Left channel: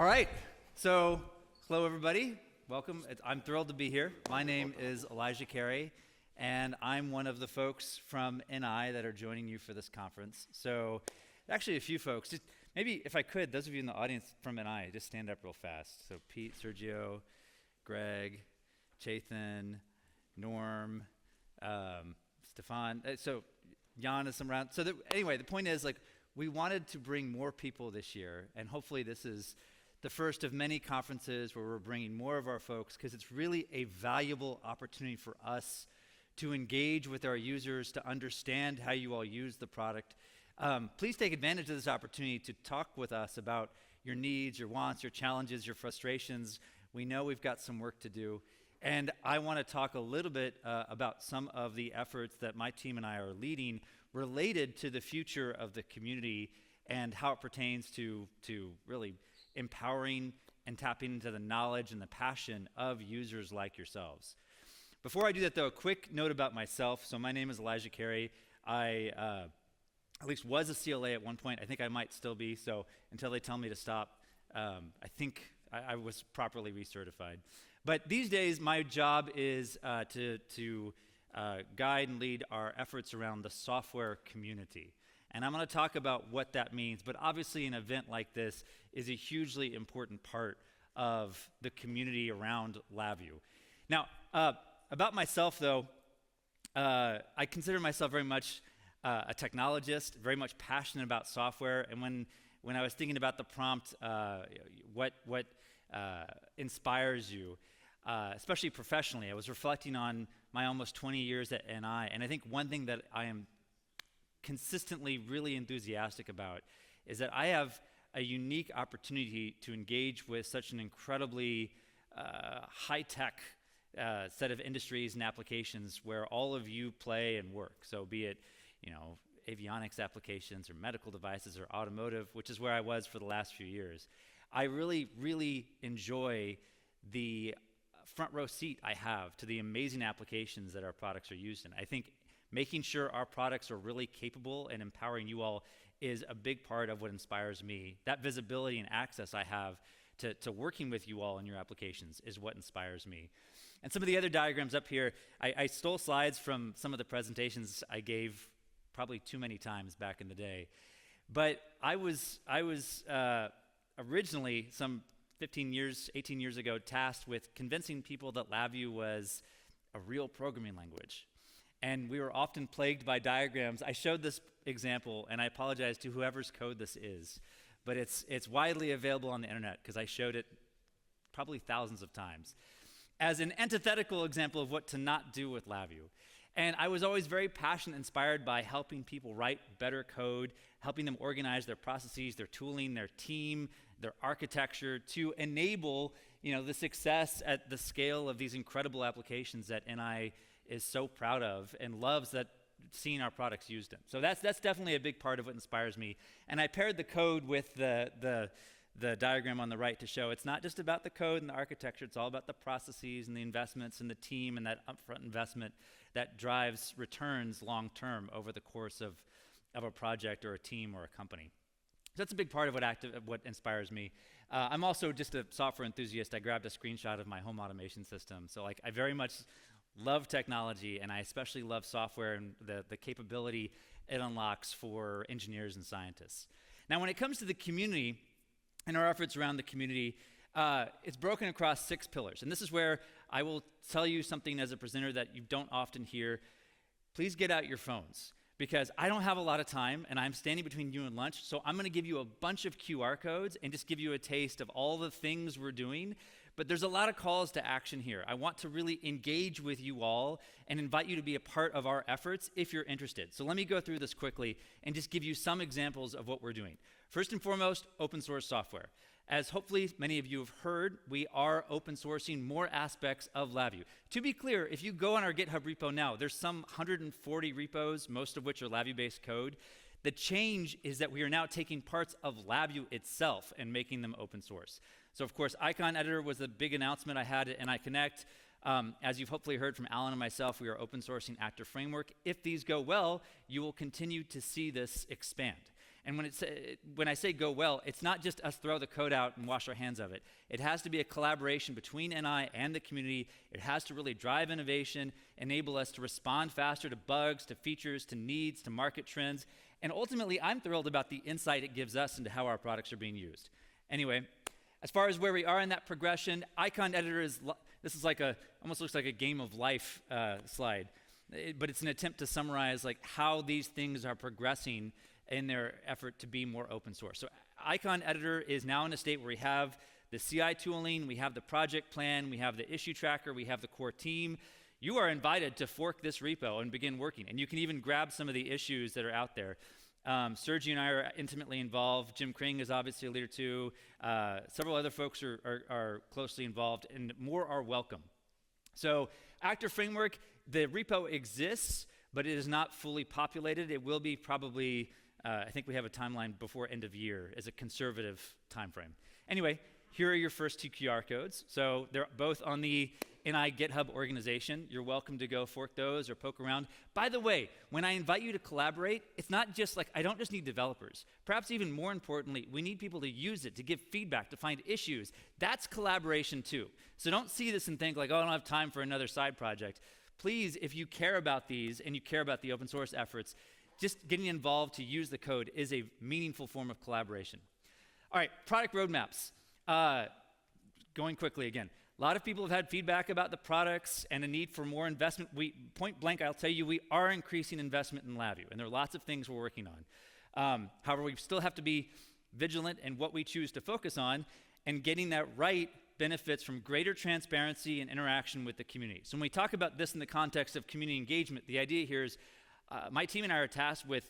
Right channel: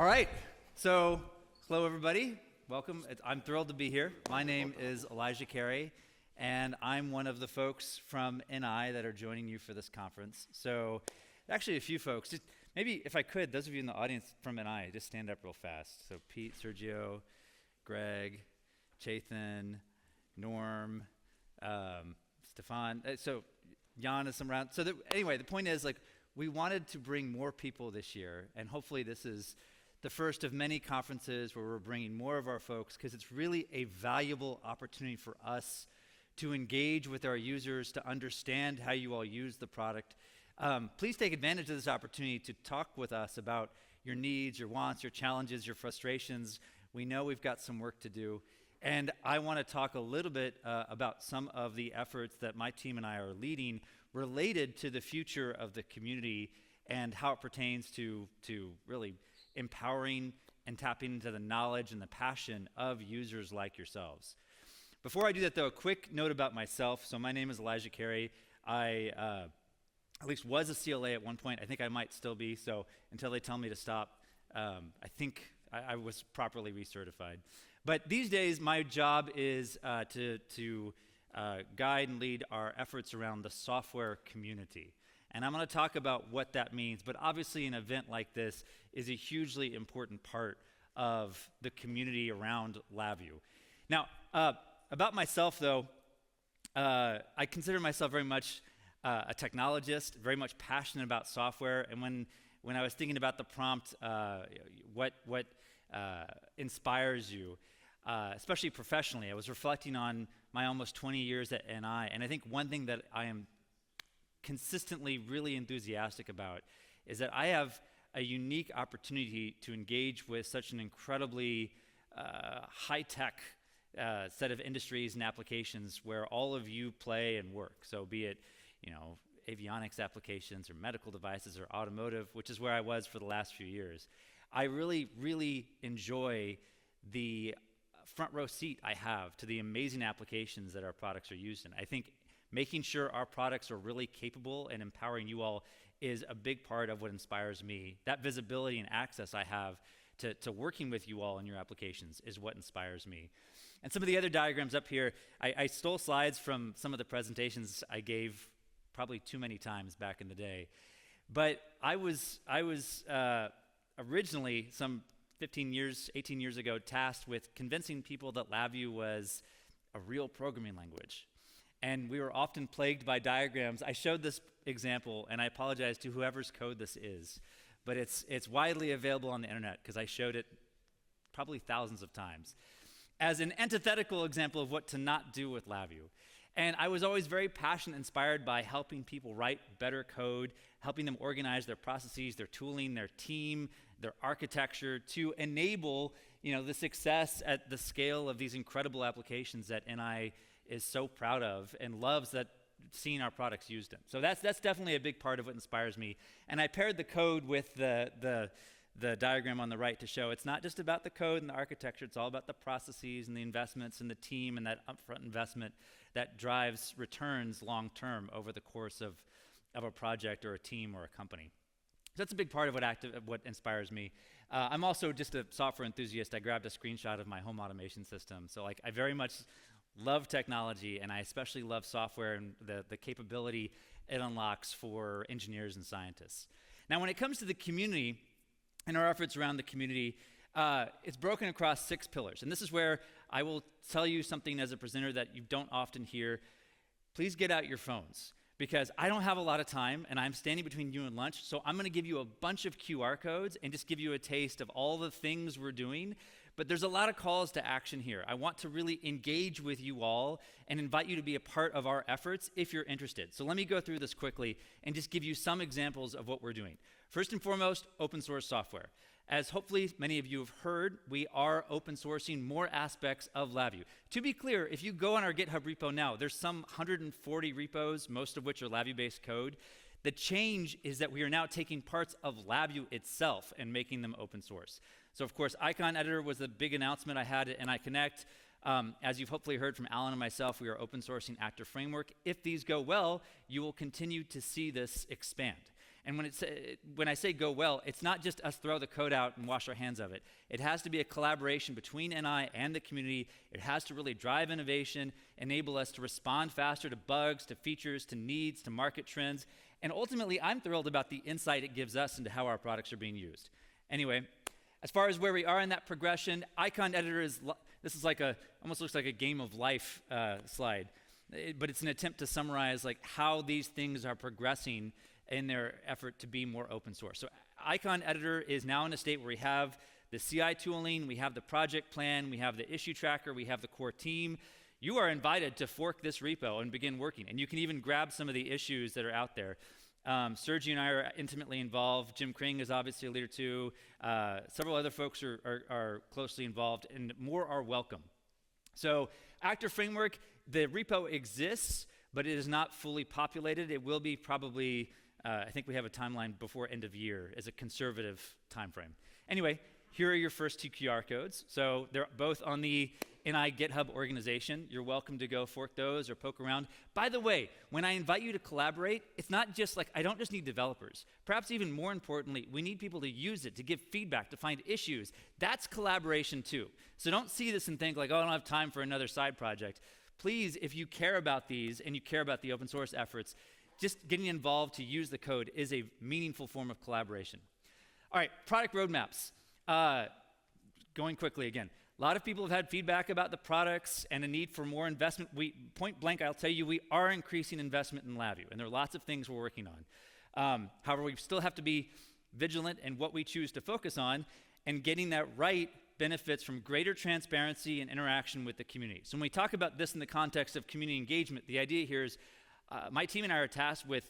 All right, so hello everybody, welcome. I'm thrilled to be here. My name is Kerry, and I'm one of the folks from NI that are joining you for this conference. So actually a few folks, just maybe if I could, those of you in the audience from NI, just stand up real fast. So Pete, Sergio, Greg, Chathan, Norm, Stefan, so Jan is some around. So anyway, the point is, like, we wanted to bring more people this year, and hopefully this is the first of many conferences where we're bringing more of our folks, because it's really a valuable opportunity for us to engage with our users, to understand how you all use the product. Please take advantage of this opportunity to talk with us about your needs, your wants, your challenges, your frustrations. We know we've got some work to do. And I want to talk a little bit about some of the efforts that my team and I are leading related to the future of the community and how it pertains to really empowering and tapping into the knowledge and the passion of users like yourselves. Before I do that, though, a quick note about myself. So my name is Kerry. I at least was a CLA at one point. I think I might still be, so until they tell me to stop, I think I was properly recertified. But these days, my job is to guide and lead our efforts around the software community. And I'm going to talk about what that means. But obviously, an event like this is a hugely important part of the community around LabVIEW. Now, about myself, though, I consider myself very much a technologist, very much passionate about software. And when I was thinking about the prompt, what inspires you, especially professionally, I was reflecting on my almost 20 years at NI, and I think one thing that I am consistently really enthusiastic about is that I have a unique opportunity to engage with such an incredibly high-tech set of industries and applications where all of you play and work. So be it, avionics applications or medical devices or automotive, which is where I was for the last few years. I really, really enjoy the front row seat I have to the amazing applications that our products are used in. I think making sure our products are really capable and empowering you all is a big part of what inspires me. That visibility and access I have to working with you all in your applications is what inspires me. And some of the other diagrams up here, I stole slides from some of the presentations I gave probably too many times back in the day. But I was originally, some 18 years ago, tasked with convincing people that LabVIEW was a real programming language. And we were often plagued by diagrams. I showed this example, and I apologize to whoever's code this is, but it's widely available on the internet because I showed it probably thousands of times as an antithetical example of what to not do with LabVIEW. And I was always very passionate, inspired by helping people write better code, helping them organize their processes, their tooling, their team, their architecture to enable, the success at the scale of these incredible applications that NI is so proud of and loves that seeing our products used in. So that's definitely a big part of what inspires me. And I paired the code with the diagram on the right to show it's not just about the code and the architecture, it's all about the processes and the investments and the team and that upfront investment that drives returns long term over the course of a project or a team or a company. So that's a big part of what inspires me. I'm also just a software enthusiast. I grabbed a screenshot of my home automation system. So I very much love technology, and I especially love software and the capability it unlocks for engineers and scientists. Now, when it comes to the community and our efforts around the community, it's broken across 6 pillars. And this is where I will tell you something as a presenter that you don't often hear. Please get out your phones, because I don't have a lot of time, and I'm standing between you and lunch, so I'm going to give you a bunch of QR codes and just give you a taste of all the things we're doing. But there's a lot of calls to action here. I want to really engage with you all and invite you to be a part of our efforts if you're interested. So let me go through this quickly and just give you some examples of what we're doing. First and foremost, open source software. As hopefully many of you have heard, we are open sourcing more aspects of LabVIEW. To be clear, if you go on our GitHub repo now, there's some 140 repos, most of which are LabVIEW-based code. The change is that we are now taking parts of LabVIEW itself and making them open source. So of course, Icon Editor was the big announcement I had at NI Connect. As you've hopefully heard from Alan and myself, we are open sourcing Actor Framework. If these go well, you will continue to see this expand. And when I say go well, it's not just us throw the code out and wash our hands of it. It has to be a collaboration between NI and the community. It has to really drive innovation, enable us to respond faster to bugs, to features, to needs, to market trends. And ultimately, I'm thrilled about the insight it gives us into how our products are being used. Anyway, as far as where we are in that progression, icon editor this is like almost looks like a game of life slide, but it's an attempt to summarize like how these things are progressing in their effort to be more open source. So icon editor is now in a state where we have the CI tooling, we have the project plan, we have the issue tracker, we have the core team. You are invited to fork this repo and begin working, and you can even grab some of the issues that are out there. Sergio and I are intimately involved. Jim Kring is obviously a leader too. Several other folks are closely involved, and more are welcome. So Actor Framework, the repo exists, but it is not fully populated. It will be probably, I think we have a timeline before end of year as a conservative time frame. Anyway, here are your first two QR codes. So they're both on the NI GitHub organization. You're welcome to go fork those or poke around. By the way, when I invite you to collaborate, it's not just like, I don't just need developers. Perhaps even more importantly, we need people to use it, to give feedback, to find issues. That's collaboration too. So don't see this and think like, oh, I don't have time for another side project. Please, if you care about these and you care about the open source efforts, just getting involved to use the code is a meaningful form of collaboration. All right, product roadmaps. Going quickly again. A lot of people have had feedback about the products and a need for more investment. Point blank, I'll tell you, we are increasing investment in LabVIEW, and there are lots of things we're working on. However, we still have to be vigilant in what we choose to focus on, and getting that right benefits from greater transparency and interaction with the community. So when we talk about this in the context of community engagement, the idea here is my team and I are tasked with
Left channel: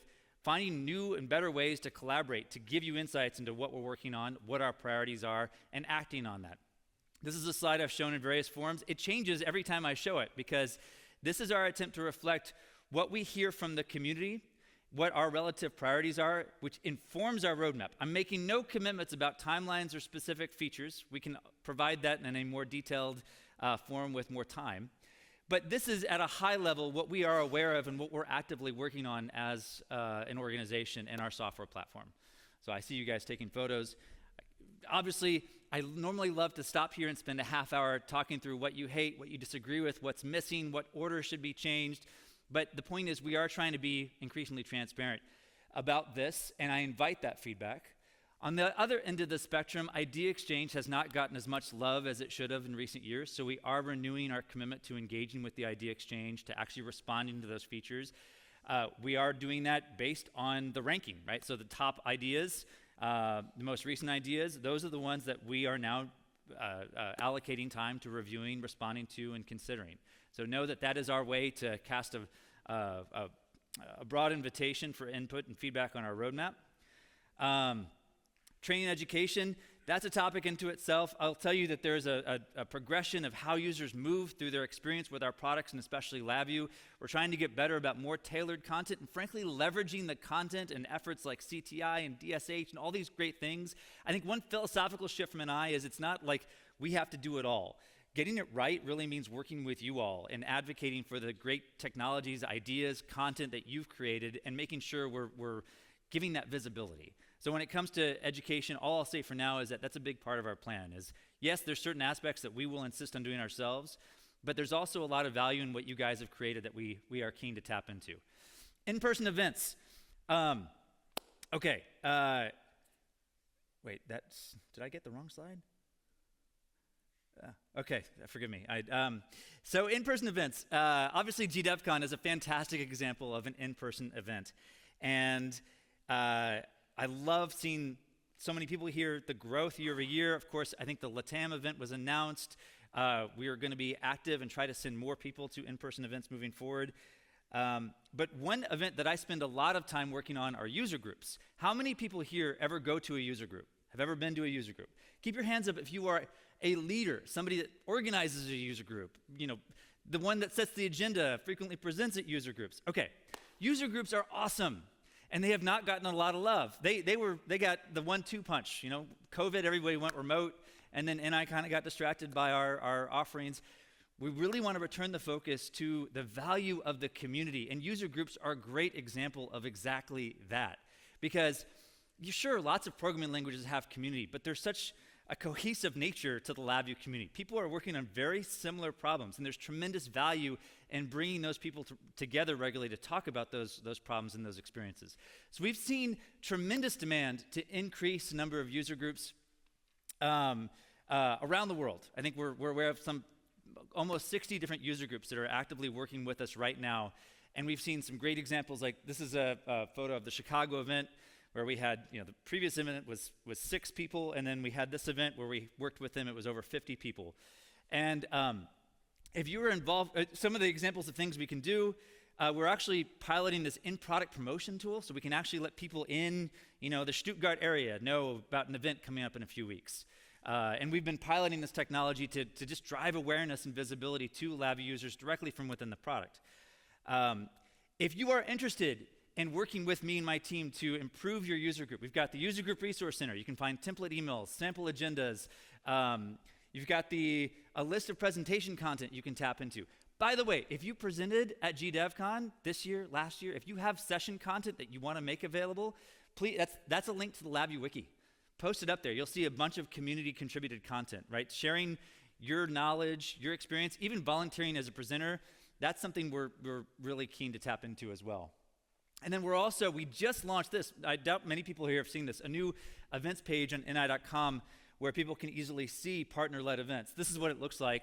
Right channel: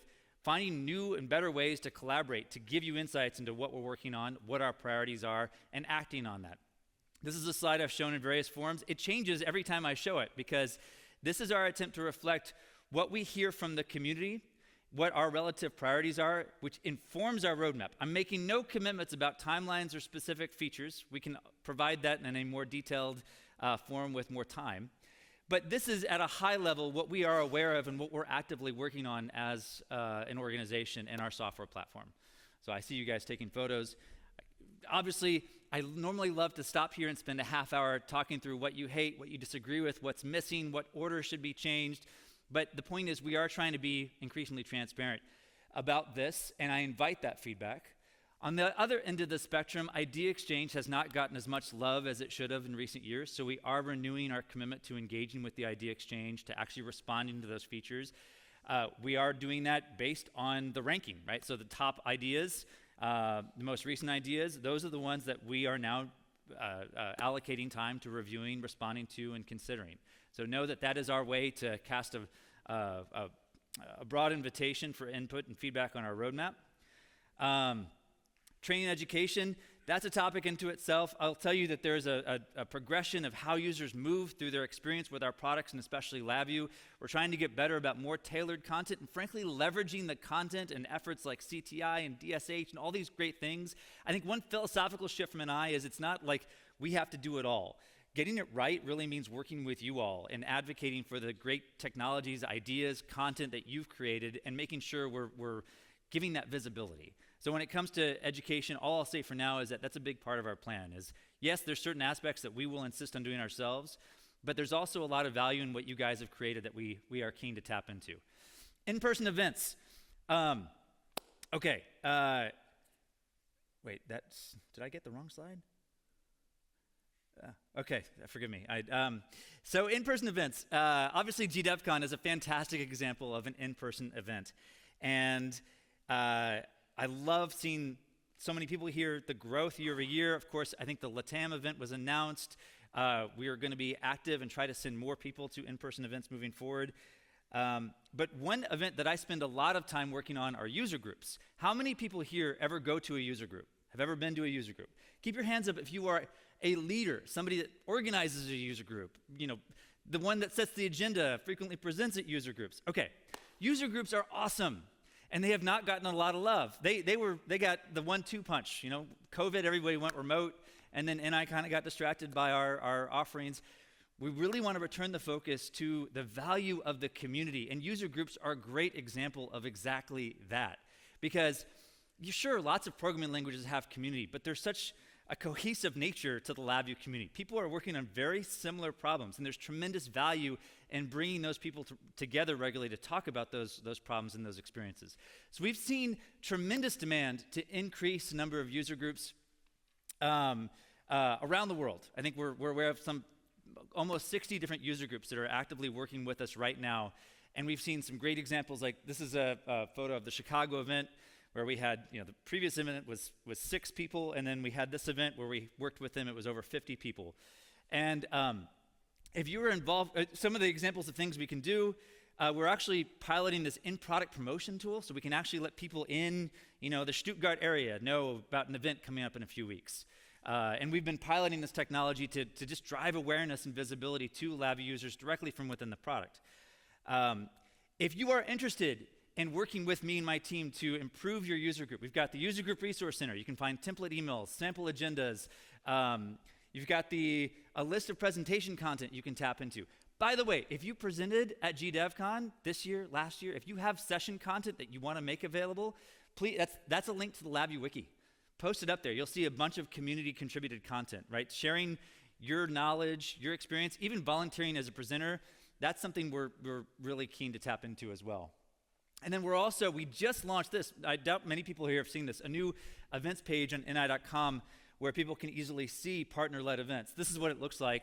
finding new and better ways to collaborate, to give you insights into what we're working on, what our priorities are, and acting on that. This is a slide I've shown in various forms. It changes every time I show it because this is our attempt to reflect what we hear from the community, what our relative priorities are, which informs our roadmap. I'm making no commitments about timelines or specific features. We can provide that in a more detailed form with more time. But this is at a high level what we are aware of and what we're actively working on as an organization in our software platform. So I see you guys taking photos. Obviously, I normally love to stop here and spend a half hour talking through what you hate, what you disagree with, what's missing, what order should be changed. But the point is we are trying to be increasingly transparent about this, and I invite that feedback. On the other end of the spectrum, Idea Exchange has not gotten as much love as it should have in recent years, so we are renewing our commitment to engaging with the Idea Exchange, to actually responding to those features. We are doing that based on the ranking, right? So the top ideas, the most recent ideas, those are the ones that we are now allocating time to reviewing, responding to, and considering. So know that that is our way to cast a broad invitation for input and feedback on our roadmap. Training education, that's a topic into itself. I'll tell you that there's a progression of how users move through their experience with our products, and especially LabVIEW. We're trying to get better about more tailored content and frankly leveraging the content and efforts like CTI and DSH and all these great things. I think one philosophical shift from NI is it's not like we have to do it all. Getting it right really means working with you all and advocating for the great technologies, ideas, content that you've created and making sure we're giving that visibility. So when it comes to education, all I'll say for now is that that's a big part of our plan is, yes, there's certain aspects that we will insist on doing ourselves, but there's also a lot of value in what you guys have created that we are keen to tap into. In-person events. Okay. Wait, did I get the wrong slide? Okay, forgive me. So in-person events. Obviously, GDevCon is a fantastic example of an in-person event. And I love seeing so many people here, the growth year over year. Of course, I think the LATAM event was announced. We are going to be active and try to send more people to in-person events moving forward. But one event that I spend a lot of time working on are user groups. How many people here ever go to a user group? Have ever been to a user group? Keep your hands up if you are a leader, somebody that organizes a user group, the one that sets the agenda, frequently presents at user groups. Okay, user groups are awesome. And they have not gotten a lot of love. They got the 1-2 punch. COVID, everybody went remote, and then NI kind of got distracted by our offerings. We really want to return the focus to the value of the community, and user groups are a great example of exactly that. Because sure, lots of programming languages have community, but there's such a cohesive nature to the LabVIEW community. People are working on very similar problems, and there's tremendous value in bringing those people together regularly to talk about those problems and those experiences. So we've seen tremendous demand to increase the number of user groups around the world. I think we're aware of almost 60 different user groups that are actively working with us right now, and we've seen some great examples. Like this is a photo of the Chicago event, where we had, the previous event was 6 people, and then we had this event where we worked with them, it was over 50 people. And if you were involved, some of the examples of things we can do, we're actually piloting this in-product promotion tool, so we can actually let people in, the Stuttgart area know about an event coming up in a few weeks. And we've been piloting this technology to just drive awareness and visibility to LabVIEW users directly from within the product. If you are interested in working with me and my team to improve your user group, we've got the User Group Resource Center. You can find template emails, sample agendas. You've got a list of presentation content you can tap into. By the way, if you presented at GDevCon this year, last year, if you have session content that you want to make available, please, that's a link to the LabVIEW wiki. Post it up there. You'll see a bunch of community contributed content, right? Sharing your knowledge, your experience, even volunteering as a presenter, that's something we're really keen to tap into as well. And then we just launched this. I doubt many people here have seen this, a new events page on ni.com where people can easily see partner-led events. This is what it looks like.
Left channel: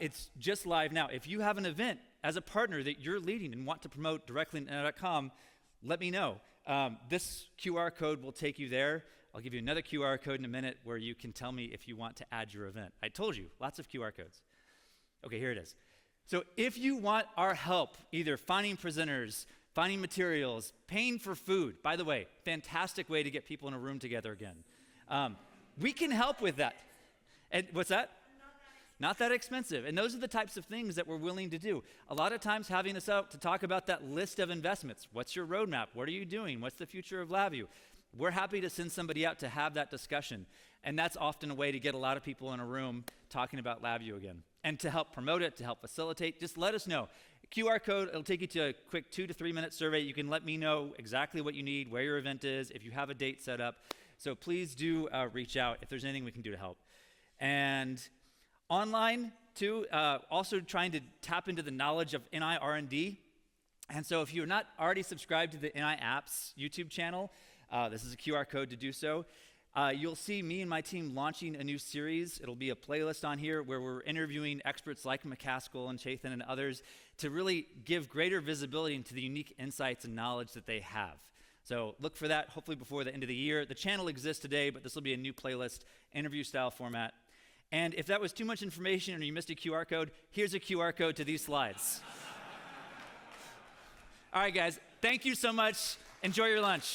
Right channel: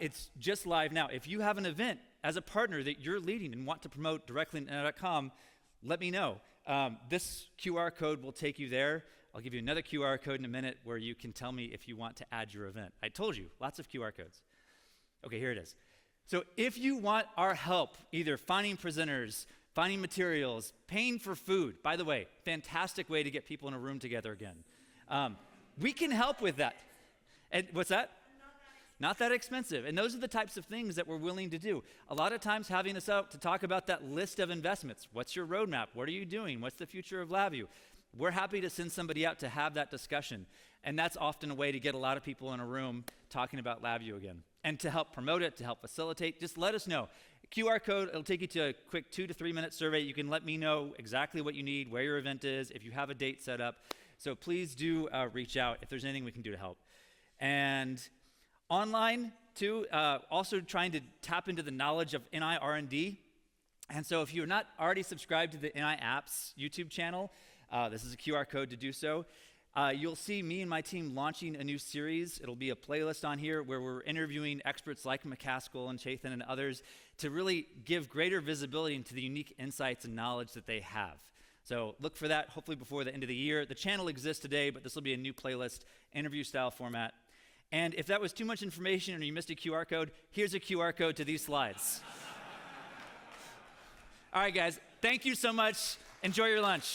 It's just live now. If you have an event as a partner that you're leading and want to promote directly on ni.com, let me know. This QR code will take you there. I'll give you another QR code in a minute where you can tell me if you want to add your event. I told you, lots of QR codes. Okay, here it is. So if you want our help, either finding presenters, finding materials, paying for food. By the way, fantastic way to get people in a room together again. We can help with that. And what's that? Not that expensive. And those are the types of things that we're willing to do. A lot of times having us out to talk about that list of investments. What's your roadmap? What are you doing? What's the future of LabVIEW? We're happy to send somebody out to have that discussion. And that's often a way to get a lot of people in a room talking about LabVIEW again. And to help promote it, to help facilitate, just let us know. QR code, it'll take you to a quick 2 to 3 minute survey. You can let me know exactly what you need, where your event is, if you have a date set up. So please do reach out if there's anything we can do to help. And online, too, also trying to tap into the knowledge of NI R&D. And so if you're not already subscribed to the NI Apps YouTube channel, this is a QR code to do so. You'll see me and my team launching a new series. It'll be a playlist on here where we're interviewing experts like McCaskill and Chathan and others to really give greater visibility into the unique insights and knowledge that they have. So look for that hopefully before the end of the year. The channel exists today, but this will be a new playlist, interview style format. And if that was too much information or you missed a QR code, here's a QR code to these slides. All right, guys, thank you so much. Enjoy your lunch.